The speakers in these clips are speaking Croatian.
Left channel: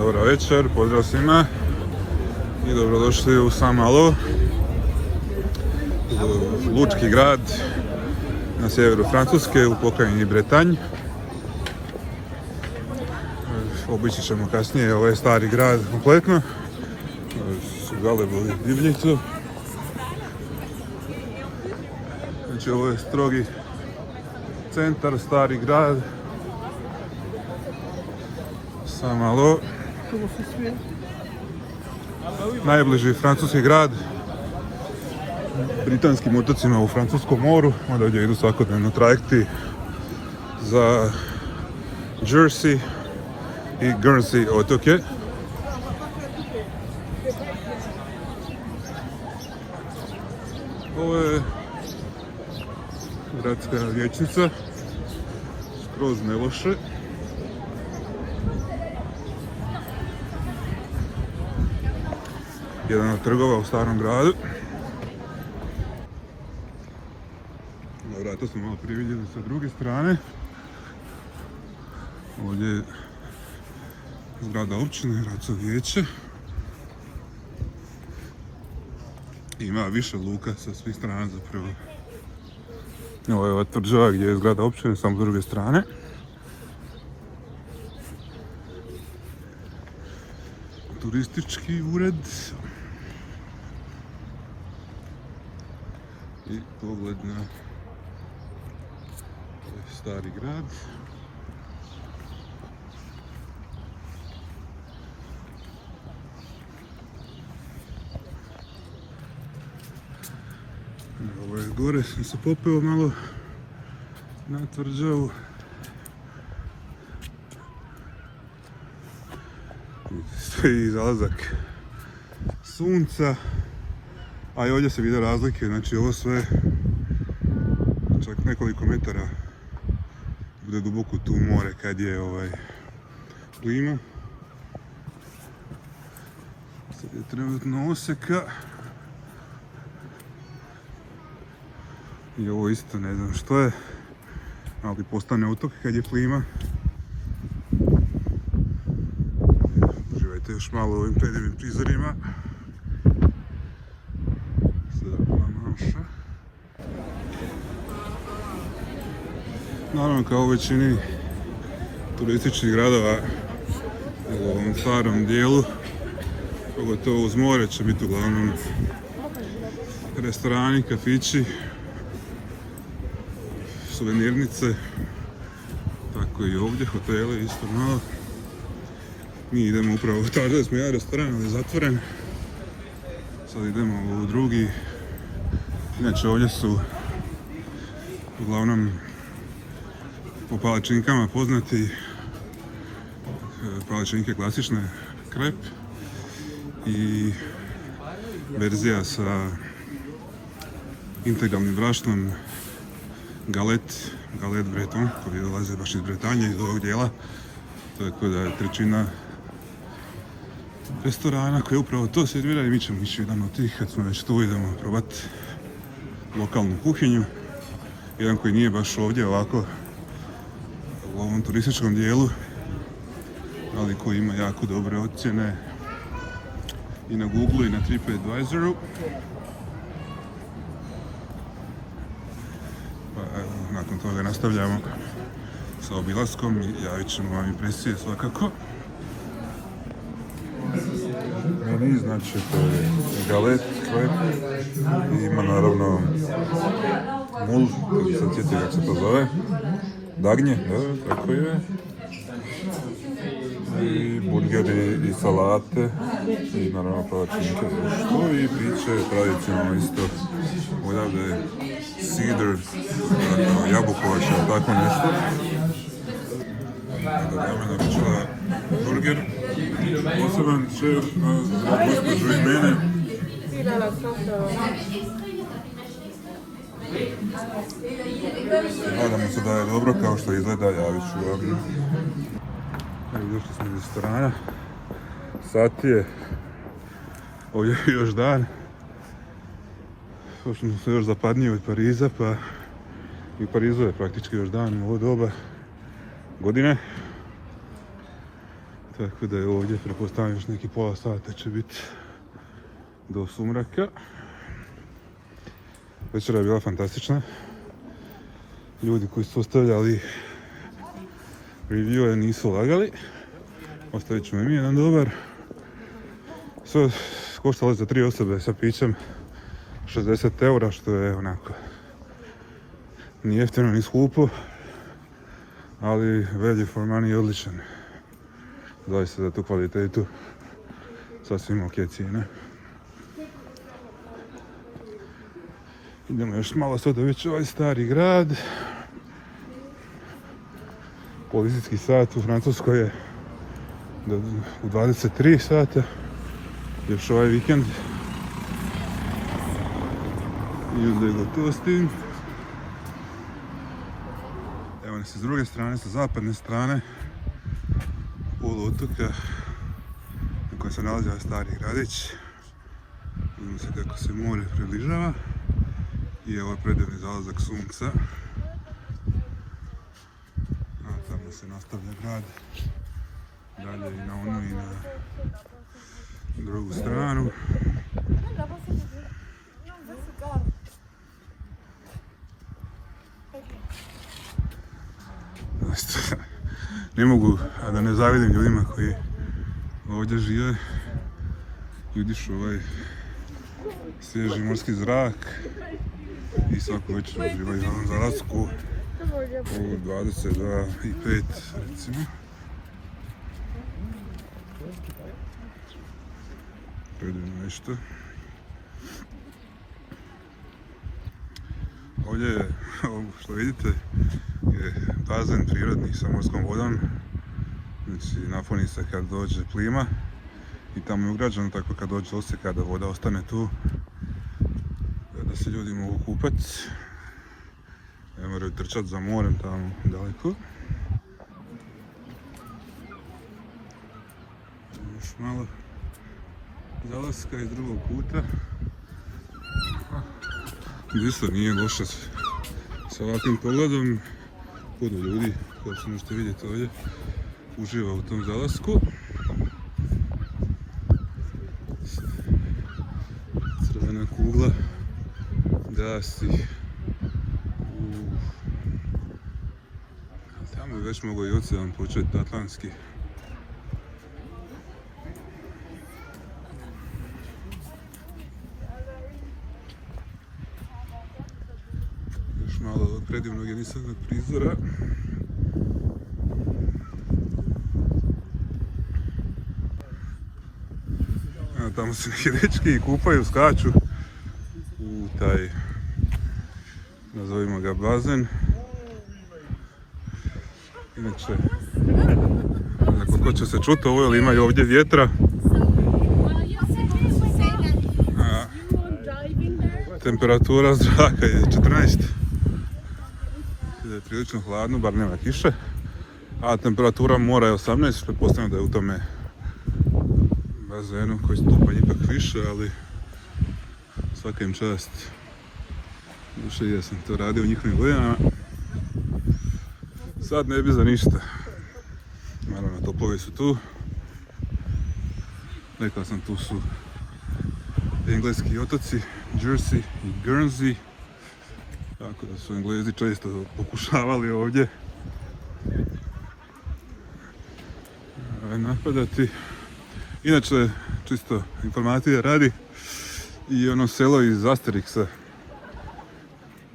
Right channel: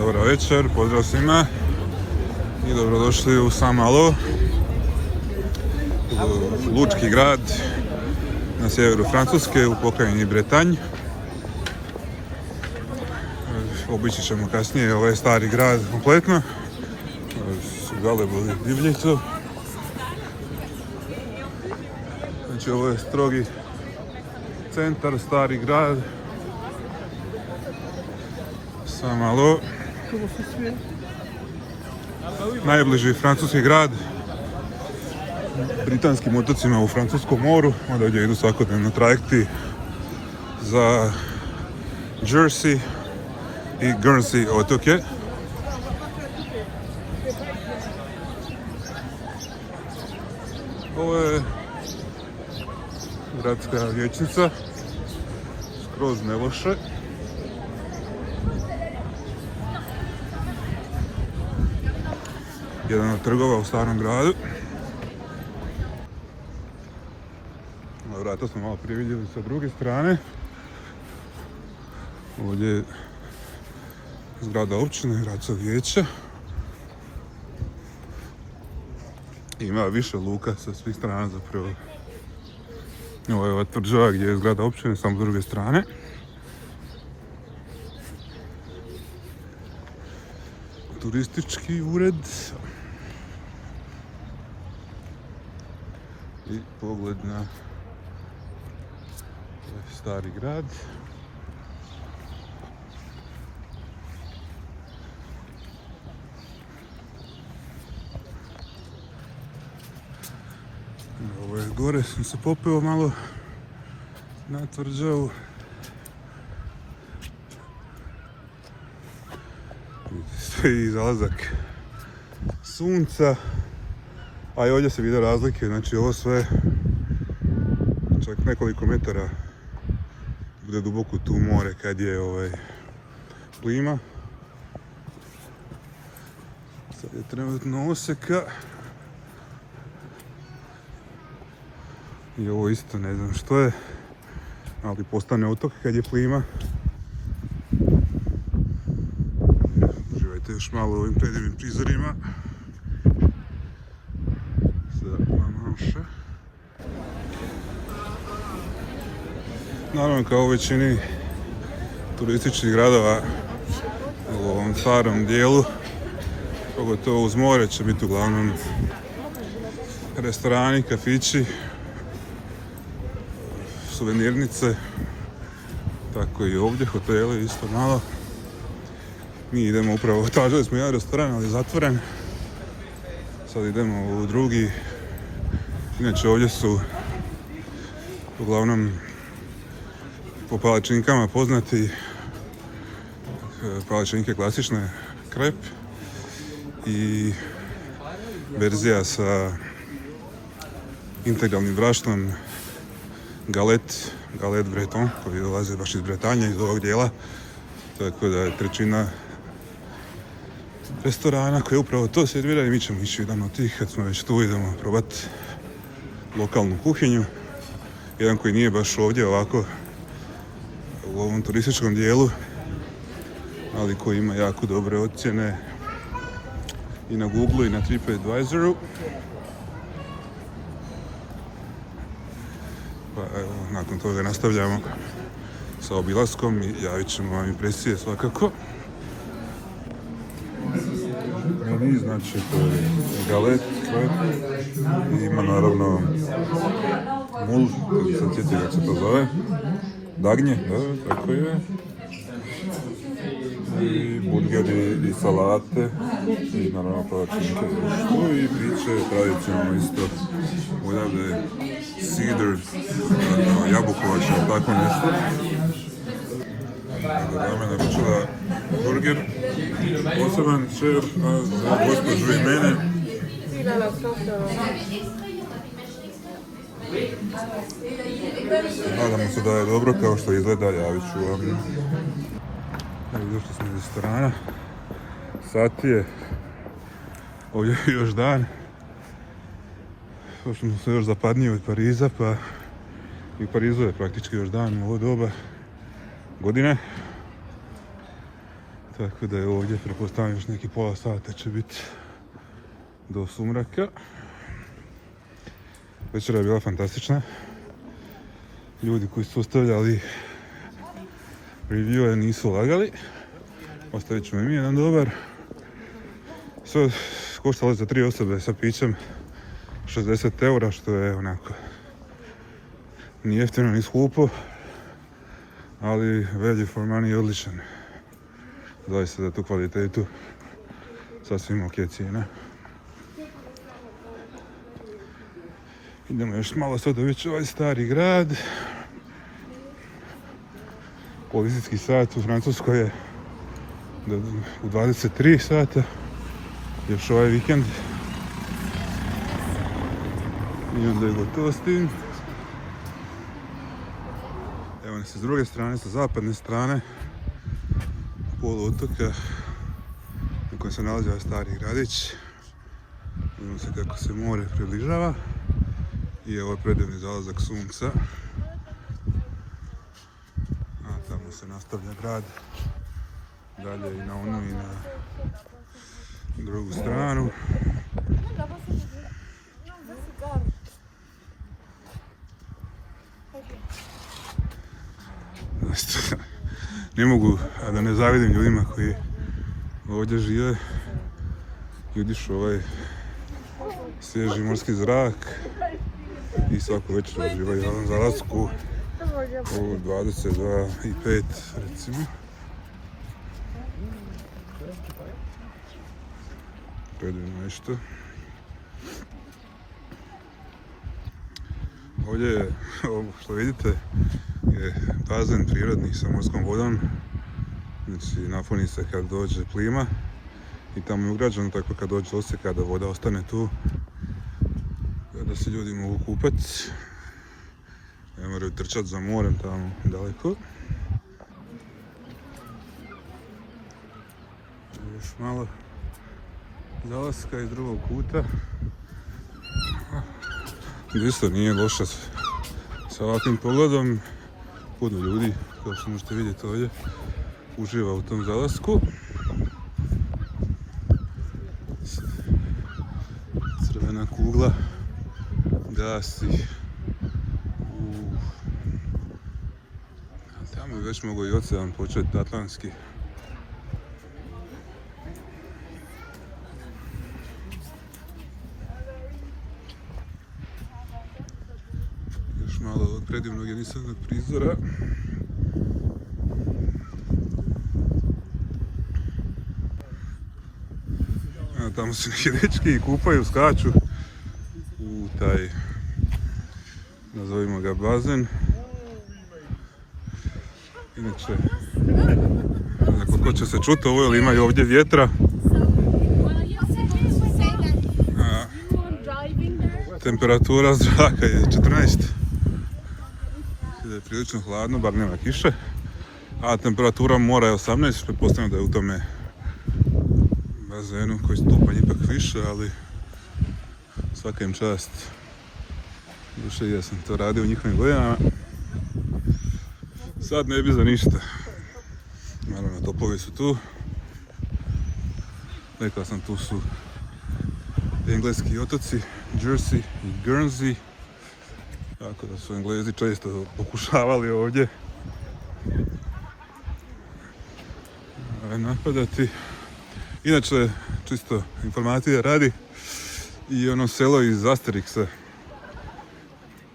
Dobar večer, pozdrav svima i dobrodošli u Saint-Malo, lučki grad na sjeveru Francuske u pokrajini Bretanj. Obići ćemo kasnije ovaj stari grad kompletno. Galebovi divljicu. Znači ovo je strogi centar, stari grad. Saint-Malo. Najbliži francuski grad britanskim otocima u Francuskom moru, odavdje idu svakodnevno trajekti za Jersey i Guernsey otoke. Ovo je gradska vijećnica, skroz ne loše. Jedan od trgova u starom gradu. Vrata smo malo prije vidjeli sa druge strane. Ovdje je zgrada općine, gradskog vijeća. Ima više luka sa svih strana zapravo. Ovo je ova tvrđava gdje je zgrada općine, samo s druge strane. Turistički ured. I pogled na stari grad. Ovo je gore, sam se popeo malo na tvrđavu. I zalazak sunca, a i ovdje se vide razlike, znači ovo sve čak nekoliko metara bude duboko tu more kad je plima. Sad je trenutno oseka i ovo isto ne znam što je, ali postane otok kad je plima. Uživajte još malo u ovim predivnim prizorima. Naravno, kao u većini turističkih gradova u ovom starom dijelu, pogotovo uz more, će biti uglavnom restorani, kafići, suvenirnice, tako i ovdje, hoteli isto malo. Mi idemo upravo, tražili smo jedan restoran, ali je zatvoren. Sad idemo u drugi. Inače ovdje su uglavnom po palačinkama poznati palačinke klasične, krep i verzija sa integralnim brašnom galet breton, koji dolaze baš iz Bretanje, iz ovog dijela. Tako da je trećina restorana koji upravo to serviraju i mi ćemo ići jedan od tih. Kad smo već tu, idemo probati lokalnu kuhinju. Jedan koji nije baš ovdje ovako u ovom turističkom dijelu, ali koji ima jako dobre ocjene i na Google i na TripAdvisoru. Pa evo, nakon toga nastavljamo sa obilaskom i javit ćemo vam impresije svakako. Meni znači to je galet, krep, i ima naravno mul, koji se četi kako se to zove, dagnje, dobro, tako je. I burgeri i salate, i naravno palačinke društvo i piće, pravit ćemo isto uljave, cider, jabukovač, tako nešto. Da me naručila burger, poseban šef, a gospođu i mene. Nadamo se da je dobro, kao što izgleda, javit ću vam. Došli smo iz restorana, sat je, ovdje je još dan. Došli smo se još zapadnije od Pariza, pa i u Parizu je praktički još dan u ovo doba godine. Tako da je ovdje, pretpostavljam, još neki pola sata će biti do sumraka. Večera je bila fantastična. Ljudi koji su ostavljali review nisu lagali. Ostavit ćemo im jedan dobar. Sve koštalo za 3 osobe sa pićem 60 eura, što je onako ni jeftino ni skupo, ali value for money je odličan. Zaista za tu kvalitetu sasvim ok cijena. Idemo još malo sad dovići ovaj stari grad. Policijski sat u Francuskoj je u 23 sata. Još ovaj vikend. I onda je gotovo s tim. Evo nas s druge strane, sa zapadne strane poluotoka na kojem se nalazi ovaj stari gradić. Vidimo se kako se more približava. I ovo je predivni zalazak sunca. A tamo se nastavlja grad. Dalje i na onu i na drugu stranu. Ne mogu a da ne zavidim ljudima koji ovdje žive i udišu ovaj svježi morski zrak i svaku večer uživaju u ovom zalasku u 22:05 recimo. Predivno nešto. Ovdje je, ovo što vidite, je bazen prirodni sa morskom vodom. Znači napuni se kad dođe plima i tamo je ugrađeno, tako kad dođe osjeka da voda ostane tu, da se ljudi mogu kupati. Ne moraju trčati za morem tamo daleko. Još malo zalaska iz drugog kuta. Isto nije loše sa ovakvim pogledom. Puno ljudi, kao što možete vidjeti ovdje, uživa u tom zalasku. Crvena kugla gasi. Tamo bi već mogao i ocean početi, Atlantski. Još malo ovog predivnog jedinstvenog prizora. Tamo se neki dečki i kupaju, skaču u taj, nazovimo ga, bazen. Inače, koliko će se čuti ovo, jer ima i ovdje vjetra. Temperatura zraka je 14. Da je prilično hladno, bar nema kiše. A temperatura mora je 18, pretpostavljam da je u tome bazenu koji stupanj ipak više, ali svaka im čast. Duše, ja sam to radio u njihovim godinama. Sad ne bi za ništa. Naravno, topovi su tu. Rekao sam, tu su engleski otoci, Jersey i Guernsey. Tako da su Englezi često pokušavali ovdje napadati. Inače, čisto informacije radi, i ono selo iz Asterixa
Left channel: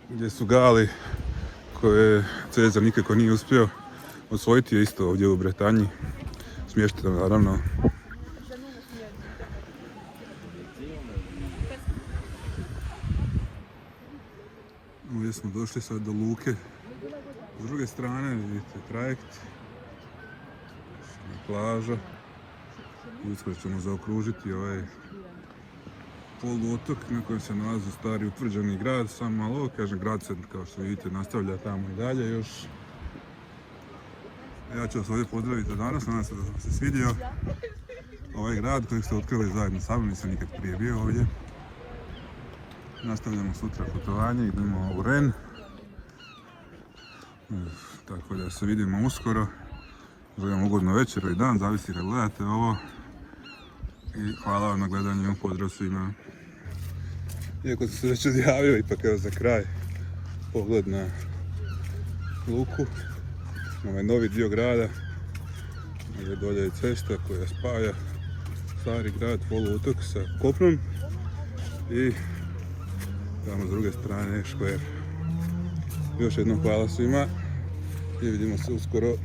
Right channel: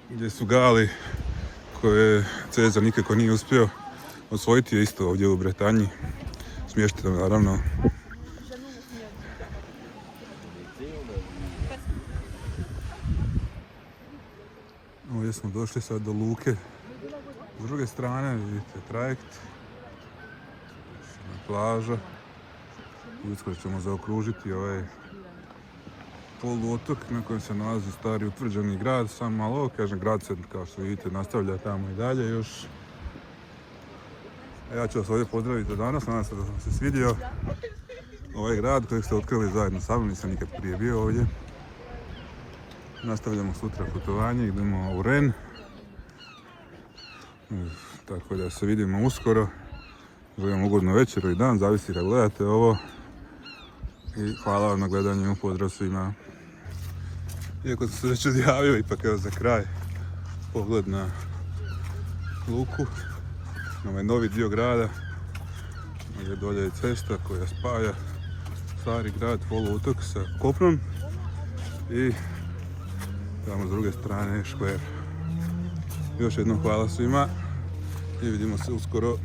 gdje su Gali, koje Cezar nikako nije uspio osvojiti, je isto ovdje u Bretanji, smješteno naravno. Ovdje smo došli sad do luke. S druge strane vidite trajekt, plaža. Uskoro ćemo zaokružiti ovaj poluotok na kojem se nalazi stari utvrđeni grad. Sam malo, kažem, grad se, kao što vidite, nastavlja tamo i dalje još. A ja ću vas ovdje pozdraviti za danas, nadam se da sam se svidio. Ovaj grad kojeg ste otkrili zajedno sa mnom, nisam nikad prije bio ovdje. Nastavljamo sutra putovanje, idemo u Rennes. Tako da se vidimo uskoro Želim ugodnu večeru i dan, zavisi da gledate ovo. I hvala vam na gledanju, pozdrav svima. Iako sam se već odjavio, ipak evo za kraj pogled na luku, na ovaj novi dio grada, gdje dolje je cesta koja spaja stari grad, poluotok sa kopnom i tamo s druge strane je škver. Još jednom hvala svima i vidimo se uskoro.